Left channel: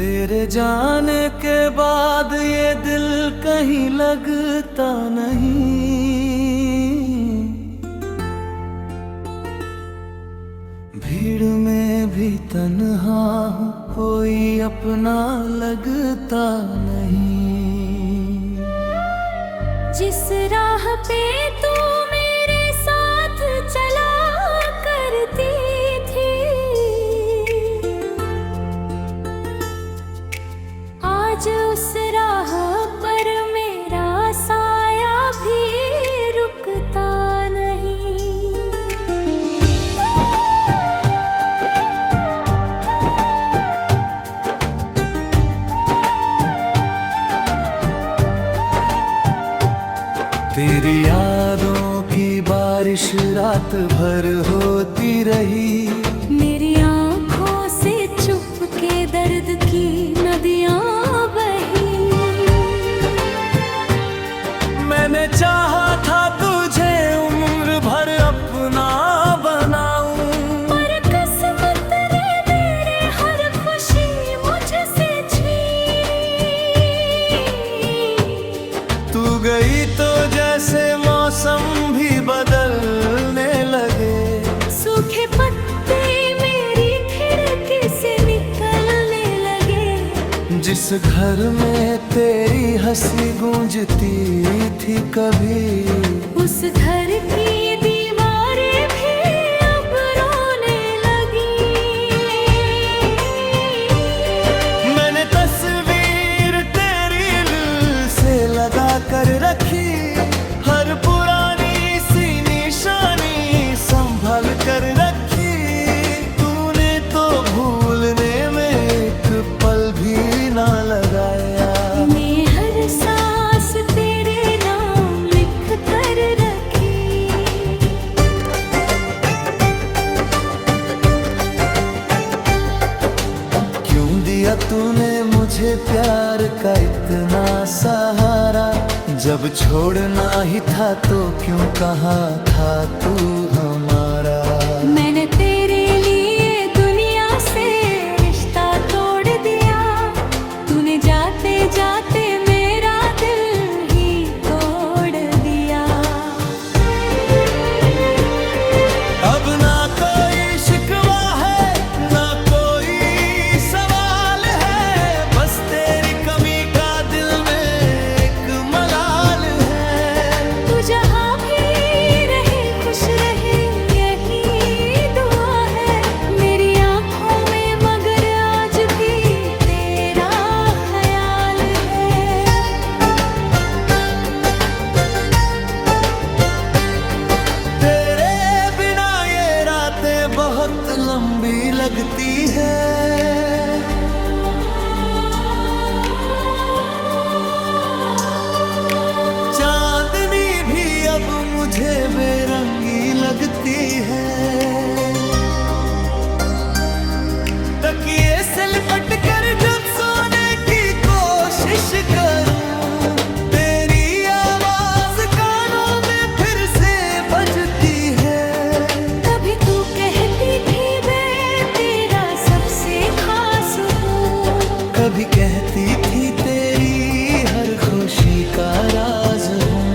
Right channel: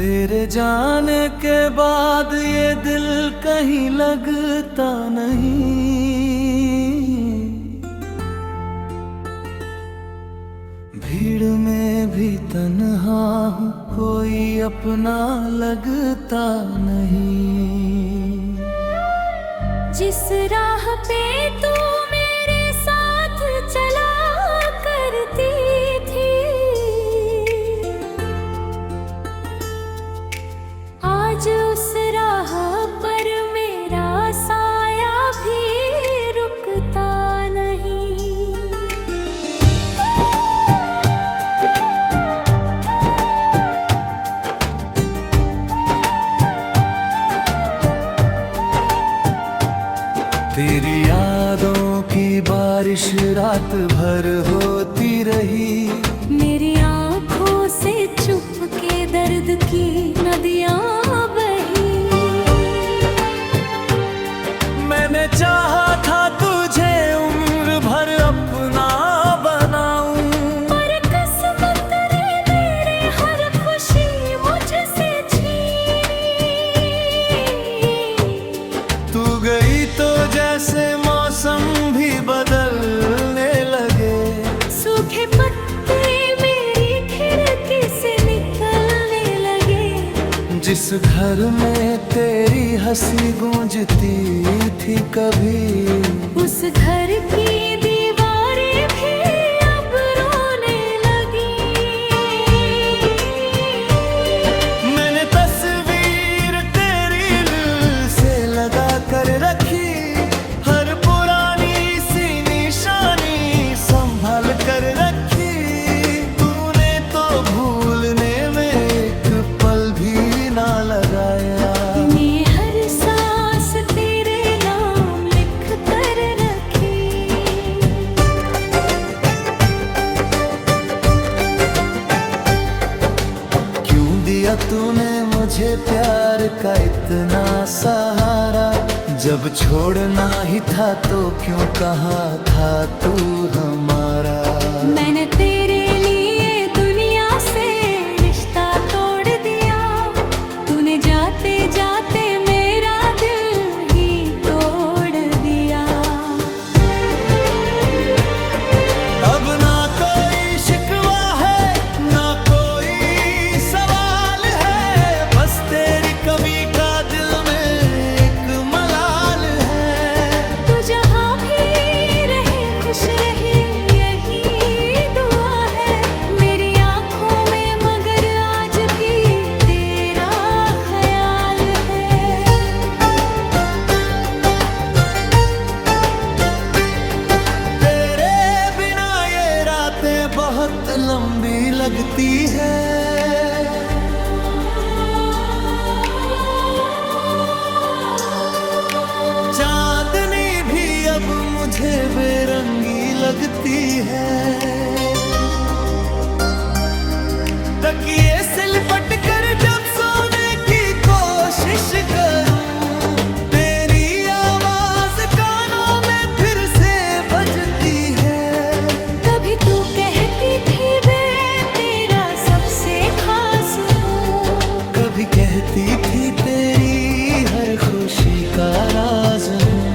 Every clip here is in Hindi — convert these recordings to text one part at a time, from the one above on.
तेरे जाने के बाद ये दिल कहीं लगता नहीं। भीड़ में भी तन्हा हूँ, कोई अपना लगता नहीं। जिस राह पे तू मेरे साथ चला करती थी, आज उस राह पर मेरा साया भी रुकता नहीं। तेरी यादों की बारिश रात भर होती रही। मेरी आँखों से चुपके दर्द की नदियाँ बही। मैंने चाहा था तुझे उम्र भर अपना बनाऊं, पर किस्मत ने मेरे हर खुशी मुझसे छीनी। तू गई तो जैसे मौसम भी बदलने लगे। सूखे पत्ते मेरी खिड़की से निकलने लगे। जिस घर में तेरी हंसी गूंजती थी कभी, उस घर की दीवारें भी अब रोने लगी। मैंने तस्वीर तेरी दिल से लगा कर रखी। हर पुरानी सी निशानी संभाल कर रखी। तूने तो भूलने में एक पल भी ना लगाया। मैं हर सांस तेरे नाम लिख कर रखी। क्यों दिया तूने मुझे प्यार का इतना सहारा। जब छोड़ना ही था तो क्यों कहा था तू हमारा। मैंने तेरे लिए दुनिया से रिश्ता तोड़ दिया। तूने जाते जाते मेरा दिल ही तोड़ दिया। अब ना कोई शिकवा है, ना कोई सवाल है। बस तेरी कमी का दिल में एक मलाल है। तू जहाँ भी रहे खुश रहे, यही दुआ है मेरी आँखों में। मगर आज भी तेरा ख्याल है। तेरे बिना ये रातें बहुत लंबी लगती है। चांदनी भी अब मुझे बेरंगी लगती है। तकिए से लिपट कर जब सोने की कोशिश करूं, तेरी आवाज कानों में फिर से बजती है। कभी तू कहती थी मैं तेरा सबसे खास हूँ। कभी कहती थी तेरी हर खुशी का राज हूँ।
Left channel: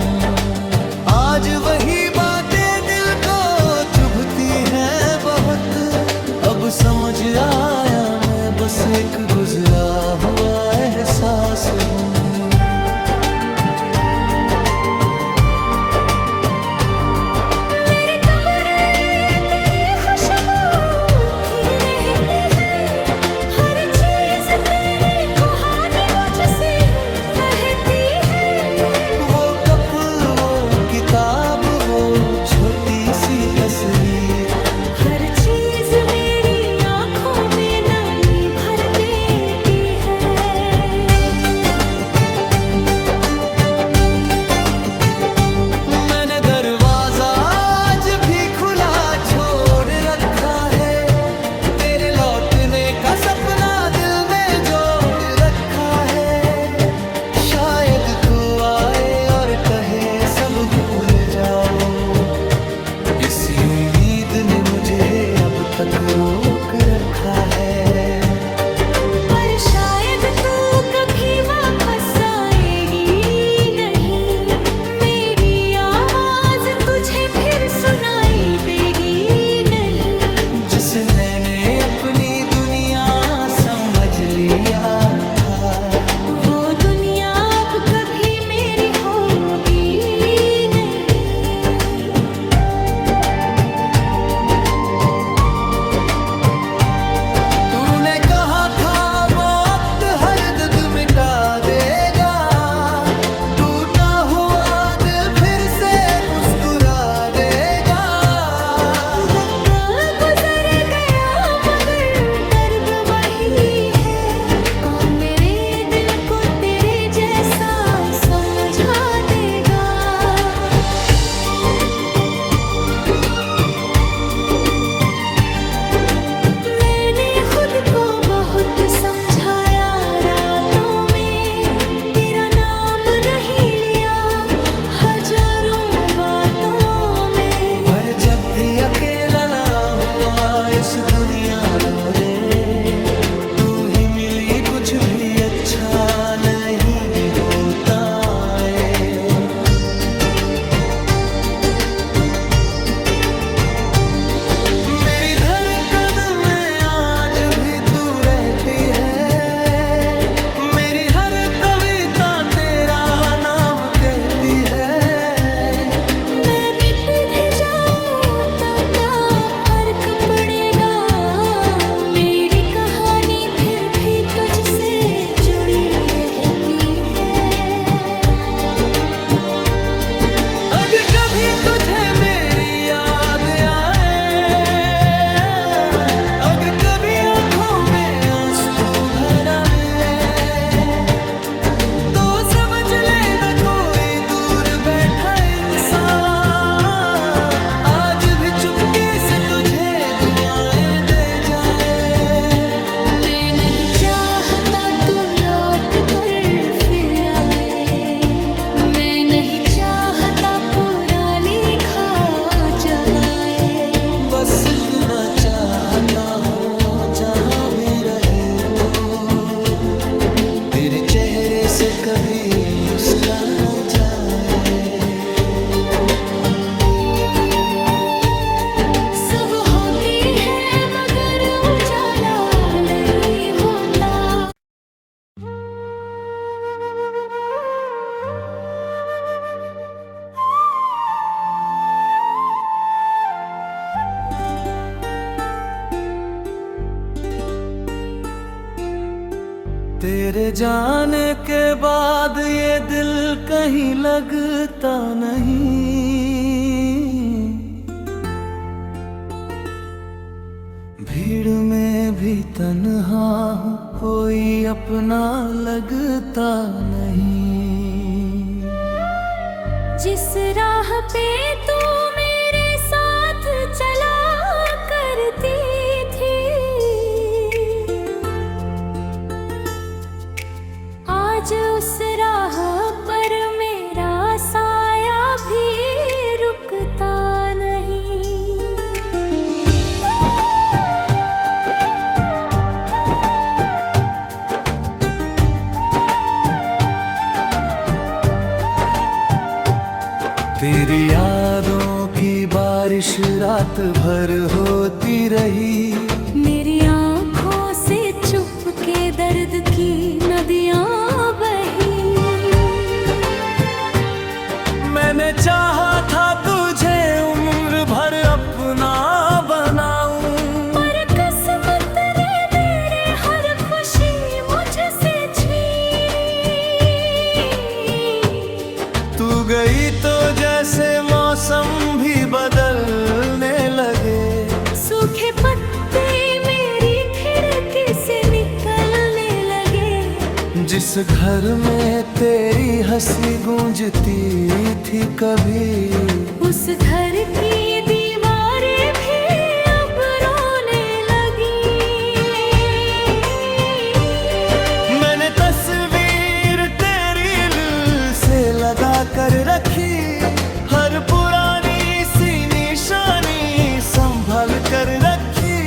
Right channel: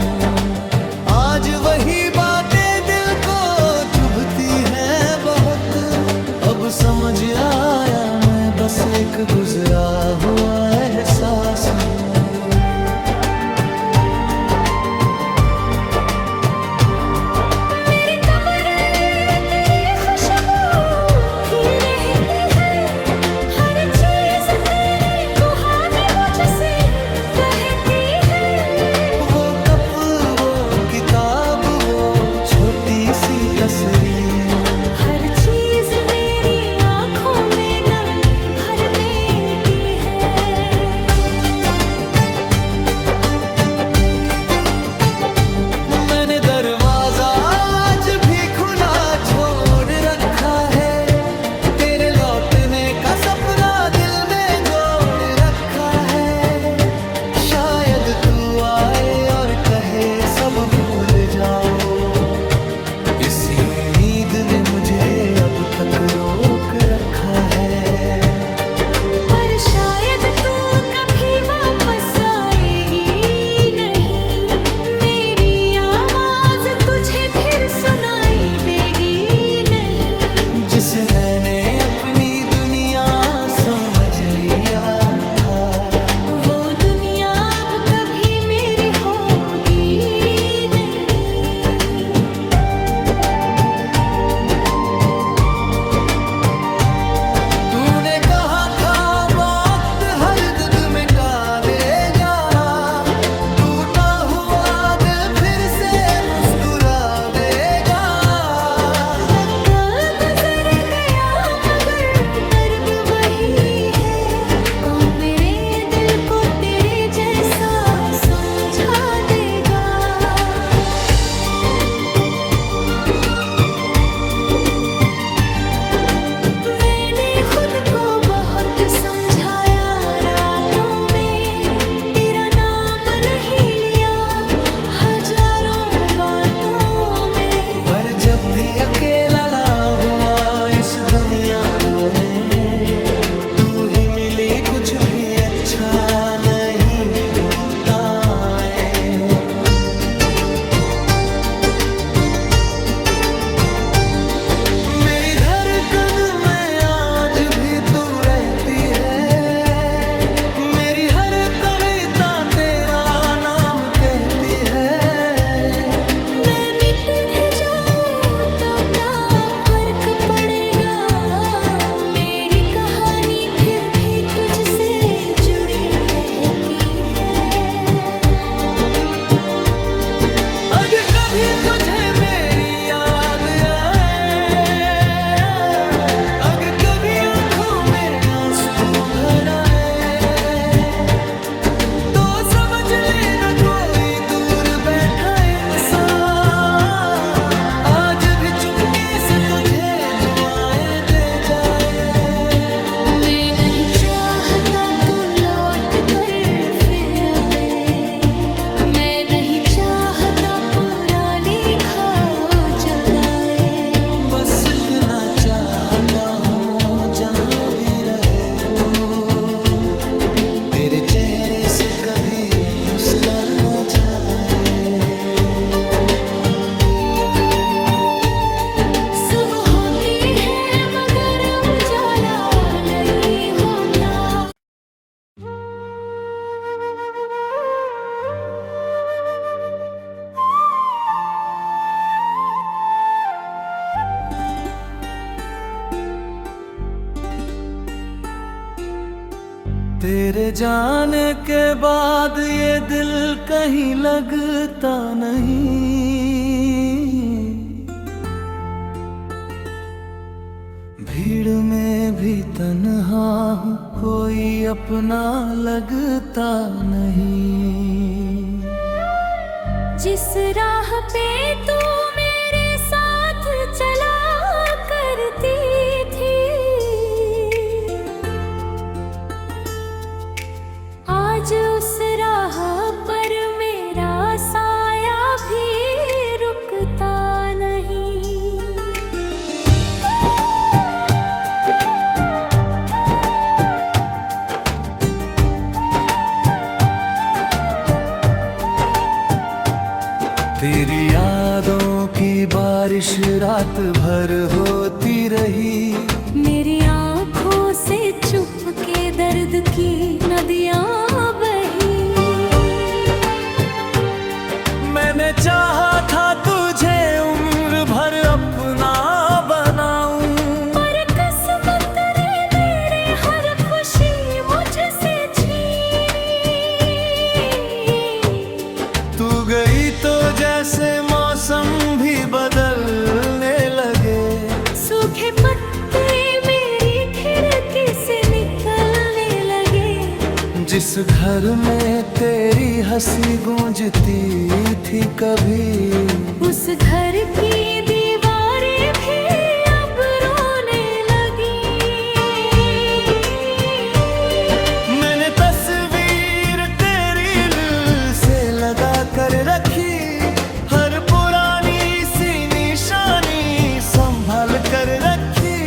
आज वही बातें दिल को चुभती हैं बहुत। अब समझ आया मैं बस एक गुजरा हुआ एहसास हूँ। मेरे कमरे तेरी खुशबू उठती रहती है। हर चीज तेरी कहानी मुझसे कहती है। वो कप, वो किताब, वो छोटी सी तस्वीर, हर चीज मेरी आँखों में नमी भर देती है। मैंने दरवाजा आज भी खुला छोड़ रखा है। तेरे लौटने का सपना दिल में जोड़ रखा है। शायद तू आए और कहे सब भूल जाओ। इसी उम्मीद ने मुझे अब तक रोक रखा है। पर शायद मैंने अपनी दुनिया समझ लिया था। वो दुनिया अब कभी मेरी होगी नहीं। तूने कहा था वक्त हर दर्द मिटा देगा, टूटा हुआ दिल फिर से मुस्कुरा देगा। धक्का गुजर गया मगर दर्द वही है, कौन मेरे दिल को तेरे जैसा समझा देगा। मैंने खुद को बहुत समझाया रातों में, तेरा नाम नहीं लिया हजारों बातों में। पर जब भी अकेला ला हुआ इस दुनिया में, तू ही मिली कुछ भी अच्छा नहीं होता है। मेरी धड़कन में आज भी तू रहती है, मेरी हर कविता तेरा नाम कहती है। मैं मिट भी जाऊं तब क्या फर्क पड़ेगा, मेरी कहानी फिर भी तुझसे जुड़ी रहती है। अगर कभी तुझे मेरी याद आए, अगर कभी आंखों में आंसू भर आए, तो समझ लेना कोई दूर बैठा इंसान आज भी चुपके से तुझे दुआएं दे जाए। मैं नहीं चाहता तू लौट कर फिर आए, मैं नहीं चाहता पुरानी खा जगाए। बस इतना चाहता हूँ जहाँ भी रहे तू, तेरे चेहरे से कभी मुस्कान न जाए। सुबह होती है मगर उजाला नहीं होता। तेरे जाने के बाद ये दिल कहीं लगता नहीं, भीड़ में भी तन्हा हूँ, कोई अपना लगता नहीं। जिस राह पे तू मेरे साथ चला करती थी, आज उस राह पर मेरा साया भी रुकता नहीं। तेरी यादों की बारिश रात भर होती रही, मेरी आँखों से चुपके दर्द की नदियाँ बही। मैंने चाहा था तुझे उम्र भर अपना बनाऊं, पर किस्मत ने मेरे हर खुशी मुझसे छीनी। तू गई तो जैसे मौसम भी बदलने लगे, सूखे पत्ते मेरी खिड़की से निकलने लगे। जिस घर में तेरी हंसी गूंजती थी कभी, उस घर की दीवारें भी अब रोने लगी। मैंने तस्वीर तेरी दिल से लगा कर रखी, हर पुरानी सी निशानी संभाल कर रखी।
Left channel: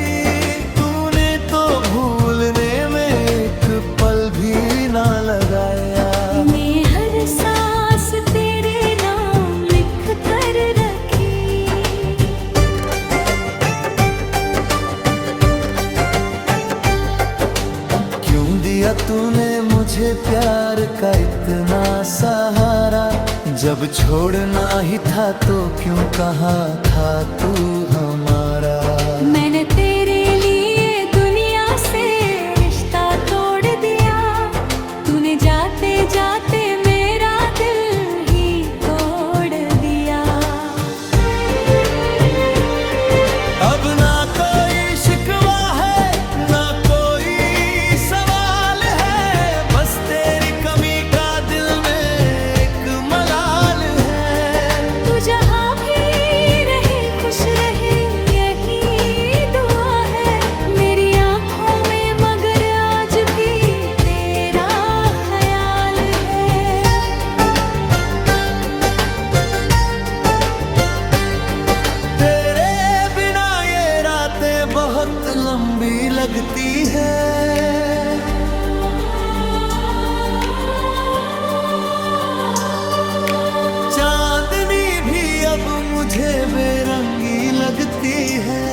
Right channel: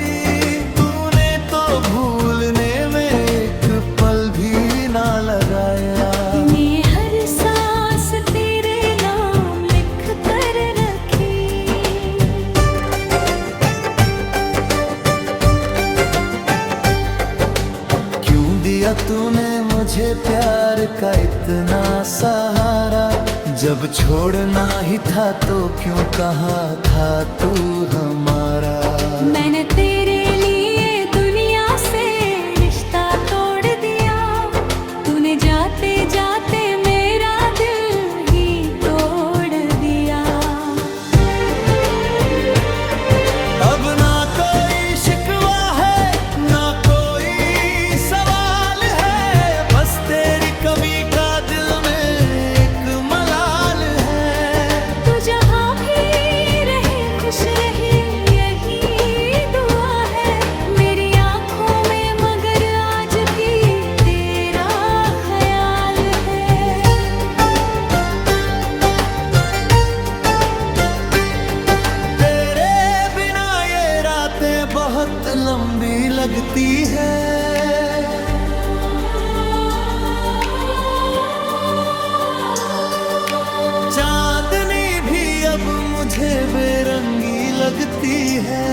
तूने तो भूलने में एक पल भी ना लगाया, मैं हर सांस तेरे नाम लिख कर रखी। दिया तूने मुझे प्यार का इतना सहारा, जब छोड़ना ही था तो क्यों कहा था तू हमारा। मैंने तेरे लिए दुनिया से रिश्ता तोड़ दिया, तूने जाते जाते मेरा दिल ही तोड़ दिया। अब ना कोई शिकवा है ना कोई सवाल है, बस तेरी कमी का दिल में एक मलाल है। तू जहाँ भी रहे खुश रहे यही दुआ है मेरी आँखों में, मगर आज भी तेरा ख्याल है। तेरे बिना ये रातें बहुत लंबी लगती है, चांदनी भी अब मुझे बेरंगी लगती है।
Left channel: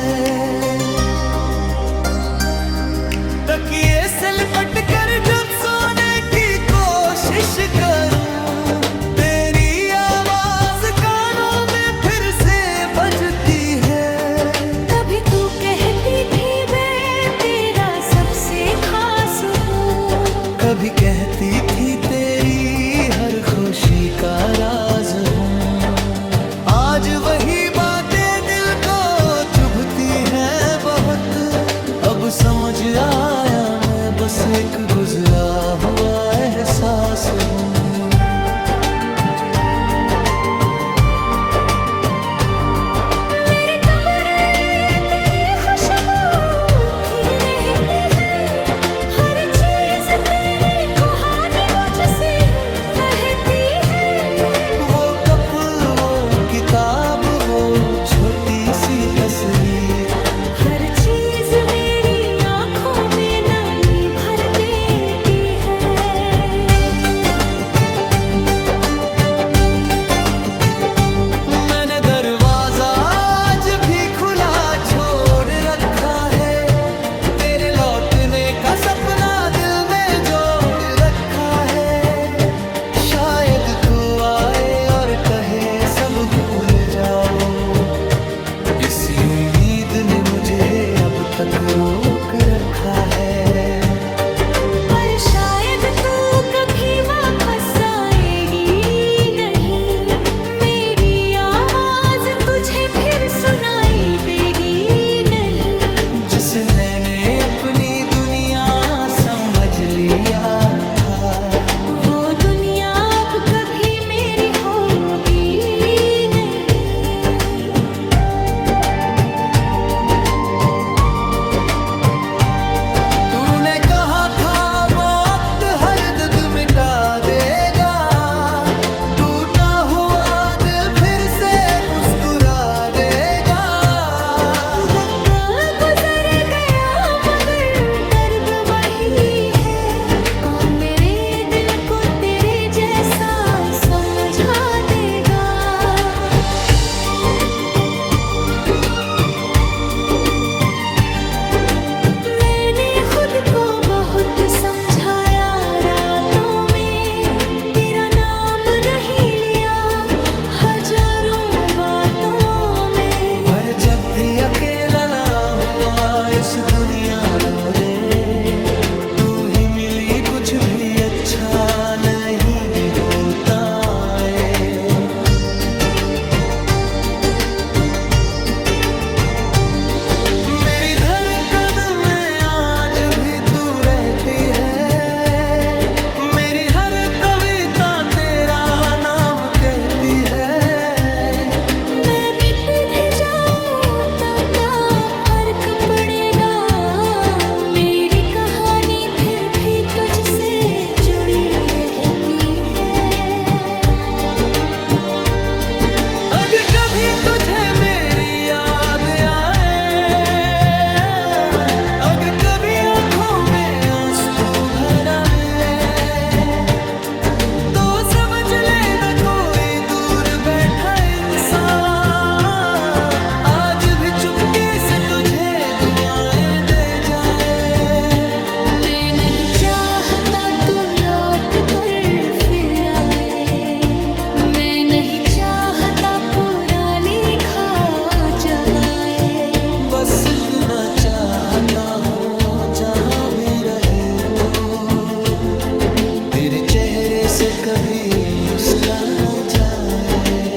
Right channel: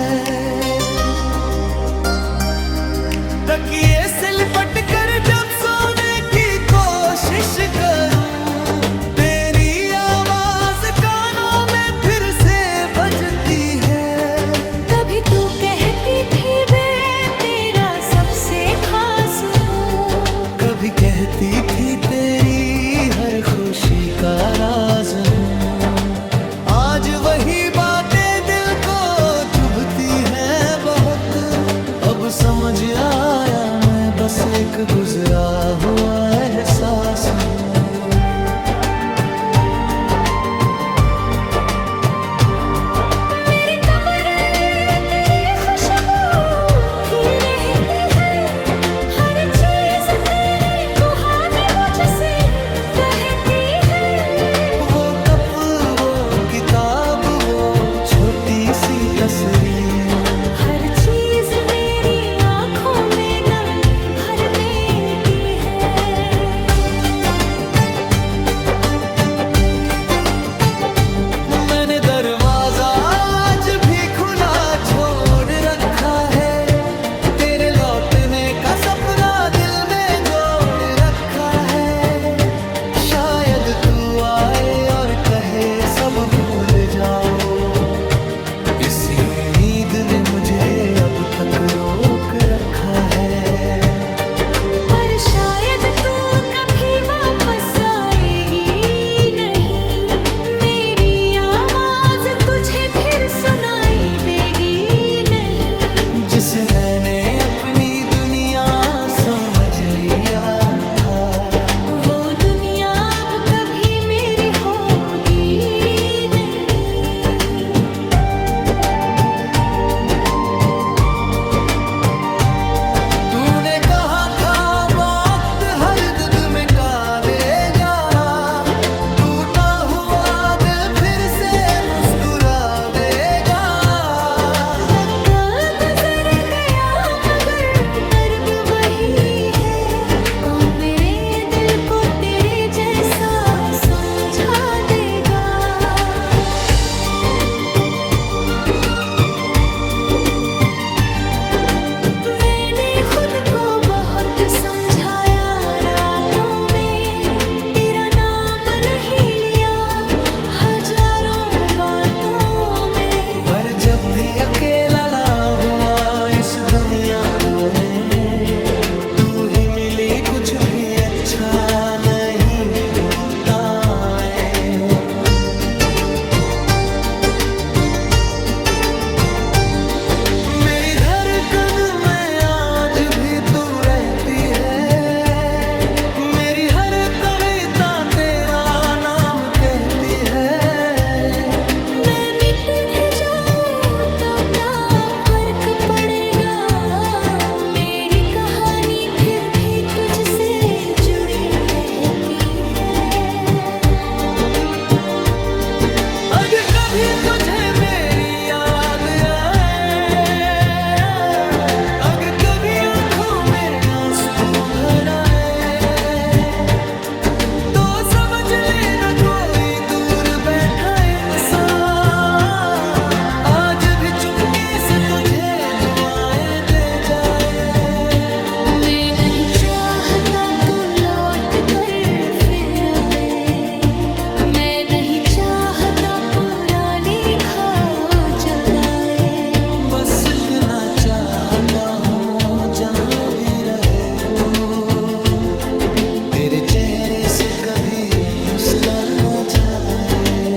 तकिए से लिपट कर जब सोने की कोशिश करूं, तेरी आवाज कानों में फिर से बजती है। कभी तू कहती थी मैं तेरा सबसे खास हूँ, कभी कहती थी तेरी हर खुशी का राज हूँ। आज वही बातें दिल को चुभती हैं बहुत, अब समझ आया मैं बस एक गुजरा हुआ एहसास हूँ। मेरे कमरे तेरी खुशबू उठती रहती है, हर चीज तेरी कहानी मुझसे कहती है। वो कप वो किताब वो छोटी सी तस्वीर, हर चीज मेरी आंखों में नमी भर देती है। मैंने दरवाजा आज भी खुला छोड़ रखा है, तेरे लौटने का सपना दिल में जोड़ रखा है। शायद तू आए और कहे सब भूल जाओ, इसी उम्मीद ने मुझे अब तक रोक रखा है। पर शायद तू कभी वापस आएगी नहीं, मेरी आवाज तुझे फिर सुनाई देगी नहीं। जिस मैंने अपनी दुनिया समझ लिया था, वो दुनिया अब कभी मेरी होगी नहीं। तूने कहा था वक्त हर दर्द मिटा देगा, टूटा हुआ दिल फिर से मुस्कुरा देगा। धक्का गुजर गया मगर दर्द वही है, कौन मेरे दिल को तेरे जैसा समझा देगा। मैंने खुद को बहुत समझाया रातों में, तेरा नाम नहीं लिया हजारों बातों में। पर जब भी अकेला ला हुआ इस दुनिया में, तू ही मिली कुछ भी अच्छा नहीं होता है। मेरी धड़कन में आज भी तू रहती है, मेरी हर कविता तेरा नाम कहती है। मैं मिट भी जाऊं तब क्या फर्क पड़ेगा, मेरी कहानी फिर भी तुझसे जुड़ी रहती है। अगर कभी तुझे मेरी याद आए, अगर कभी आंखों में आंसू भर आए, तो समझ लेना कोई दूर बैठा इंसान आज भी चुपके से तुझे दुआएं दे जाए। मैं नहीं चाह देखना चाहता हूँ जहाँ भी रहे तू, तेरे चेहरे से कभी मुस्कान न जाए।